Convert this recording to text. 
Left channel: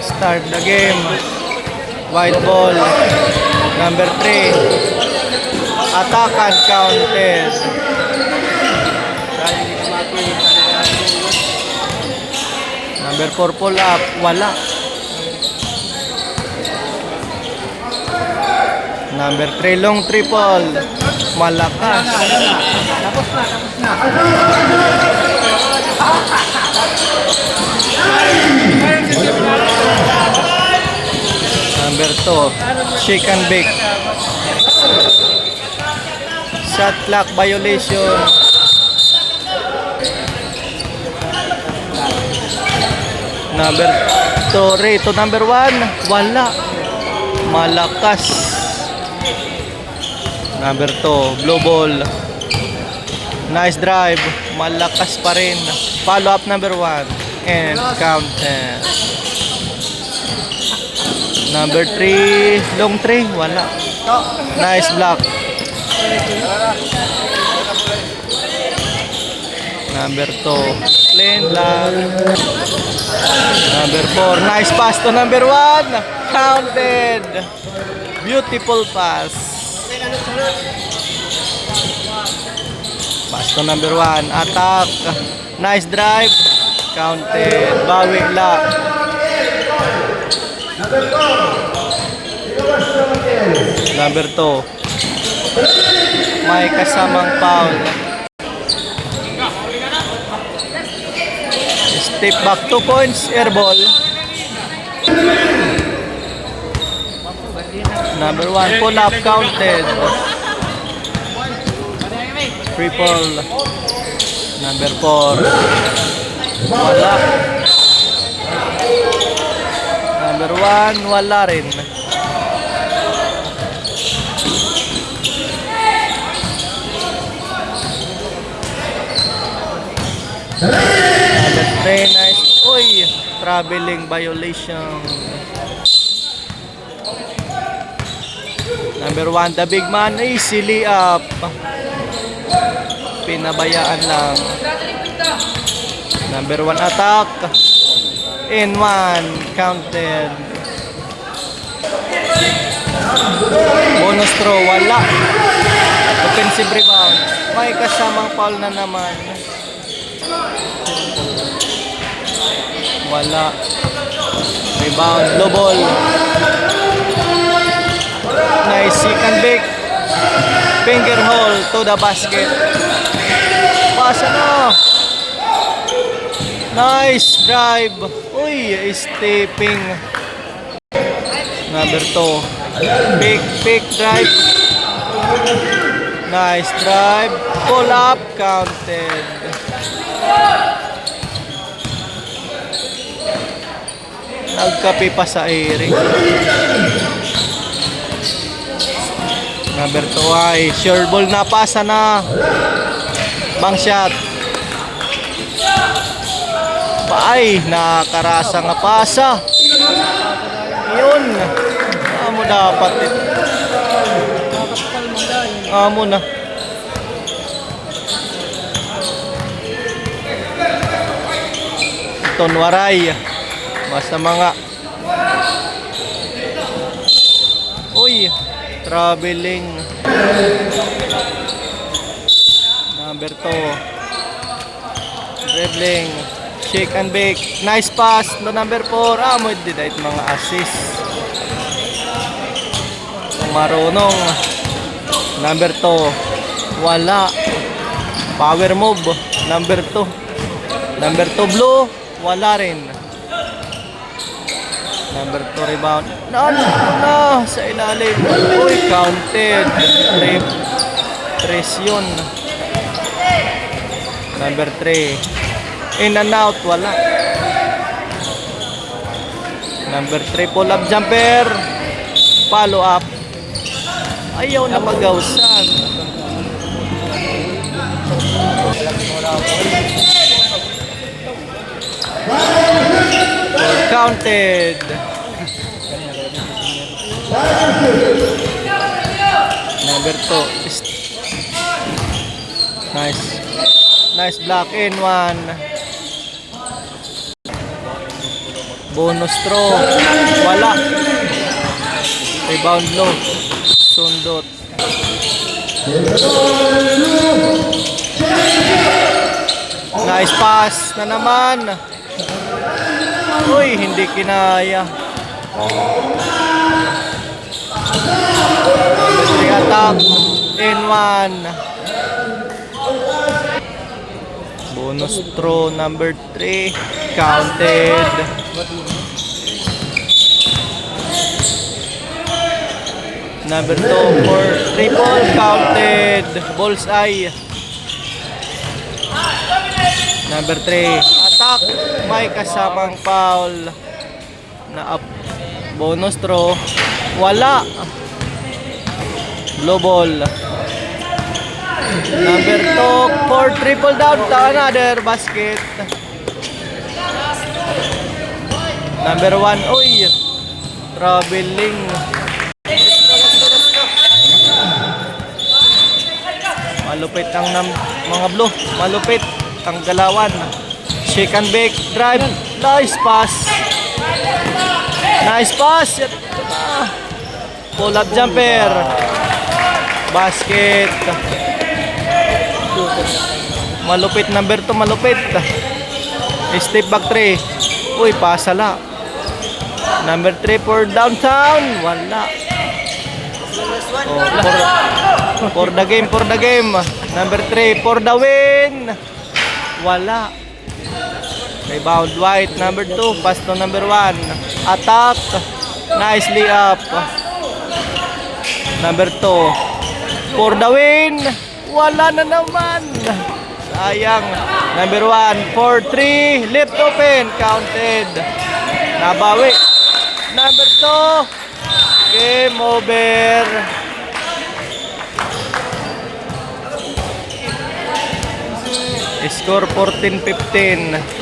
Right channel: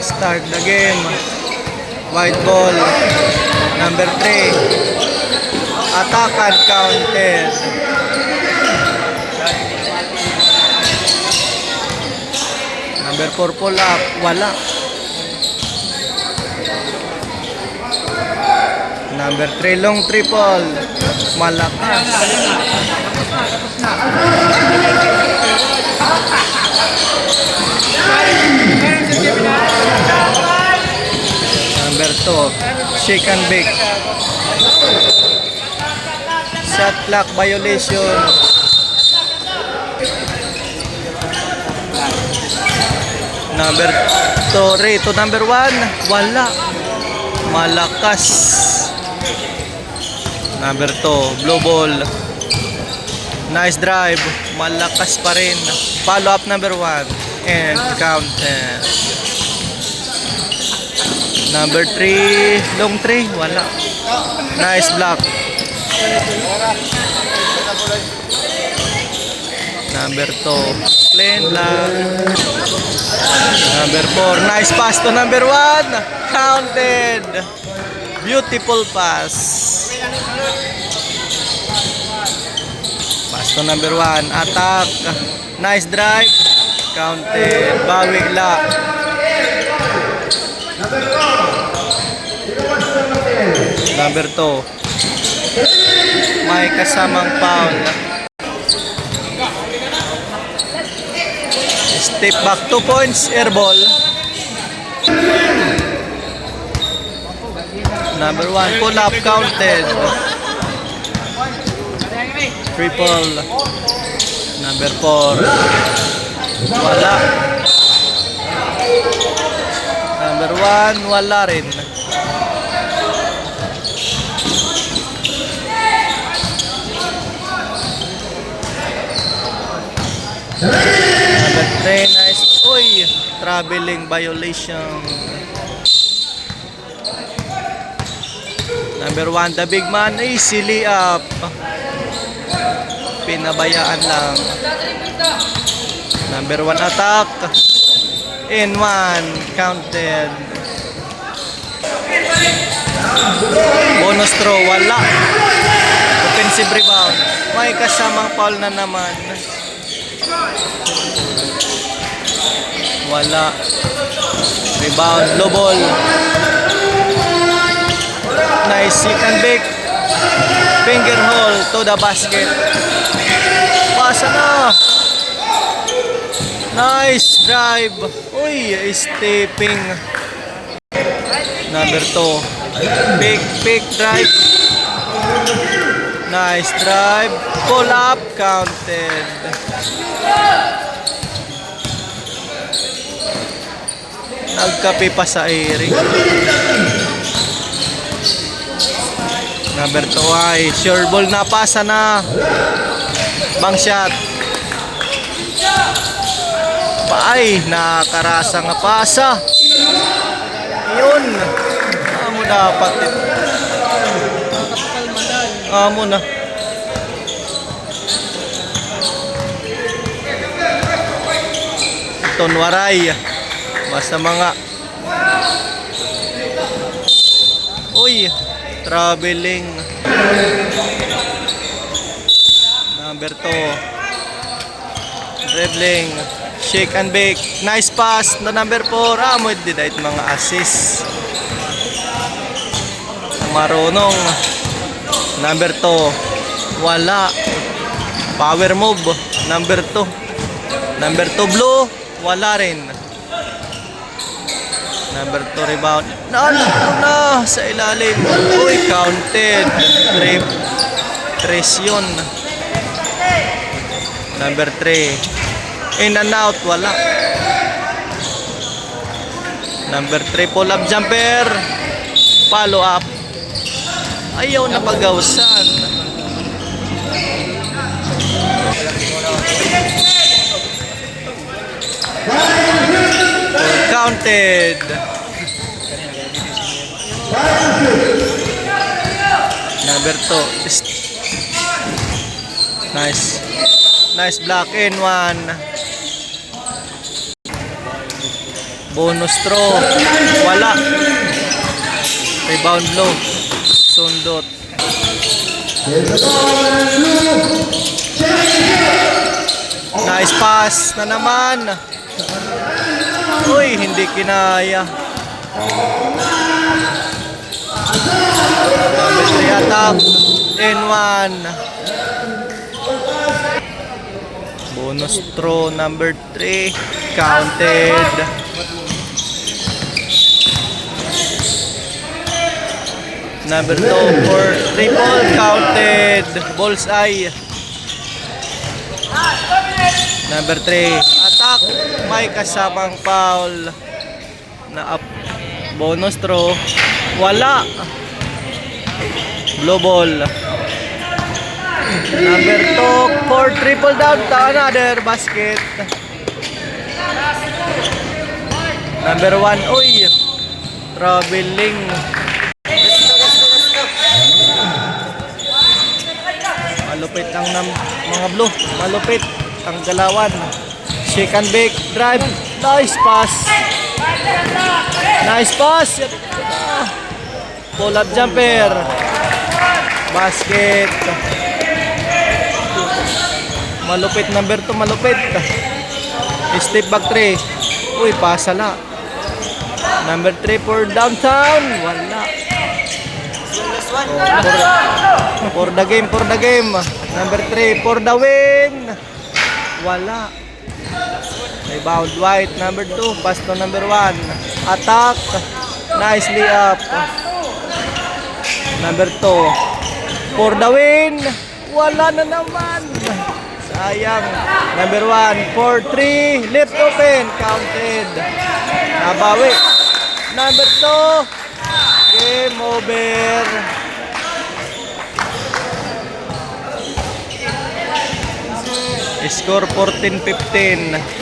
Start the game. White ball. Number 3. Attack and counted. Number 4 pull up. Wala. Number 3 long triple. Malakas. Number 2, shake and bake. Shot clock violation. Number 2, Ray to number 1. Wala. Malakas. Number 2, blue ball. Nice drive. Malakas pa rin. Follow up number 1. And count. eh. Number 3, long 3, wala. Nice block. Number 2, plain lang. Number 4, nice pass to number 1. Counted. Beautiful pass. Pass to number 1, attack. Nice drive. Counted. Bawi lang. Number 2. May kasamang foul. Step back 2 points, air ball. Number 1, pull up counted. Triple. Number 4. Wala. Number 1, wala rin. Number 3, nice. Uy, traveling violation. Number 1, the big man, easily up. Pinabayaan lang. Number 1, attack. In 1, counted. Bonus throw, wala. Offensive rebound. May kasamang foul na naman. Wala. Rebound. Low ball. Nice. Seek and bake. Finger hole to the basket. Pasa na. Nice drive. Uy, stepping. Number 2. Big, big drive. Nice drive. Pull up. Counted. Nagkape pa sa airing. Number 2 ay sure ball na pasa na. Bang shot. Paay, nakarasa nga pasa. Yun. Amo dapat ito. Amo na. Tonwaray. Basta mga Uy, traveling. Number 2. Dribbling. Shake and bake. Nice pass. The number 4. Ah, mo didait mga assist. Marunong. Number 2. Wala. Power move. Number 2. Number 2 blue. Wala rin. Number 2 rebound. Nandito na sa ilalim. Uy, counted. Trip. Tres yun. Number 3. In and out. Wala. Number 3 pull up jumper. Follow up. Ayaw na pagawsan. Counted. Number 2. Is- Nice. Nice block in one. Bonus throw. Wala. Rebound blow. Sundot. Nice pass na naman. Uy, hindi kinaya. Number 3 attack. In one. Bonus throw number 3. Counted. Number 2 for triple counted. Bullseye. Number 3. Attack. May kasamang foul. Na up. Bonus throw. Wala. Blue ball. Number 2 for triple down to another basket. Number 1. Uy. Traveling. Malupit ang mga blue. Malupit ang galawan. Shake and bake. Drive. Nice pass. Nice pass. Ito na. Pull up jumper. Basket. Malupit number 2. Malupit. Step back 3. Uy, pasala. Number 3 for downtown. Wala. Oh, for, for the game, for the game. Number 3 for the win. Wala. Rebound white. Number 2. Pass to number 1. Attack. Nicely up. Number 2. For the win. Wala na naman. Sayang. Number 1. For 3. Left open. Counted. Nabawi. Number 2. Game over. Score 14-15.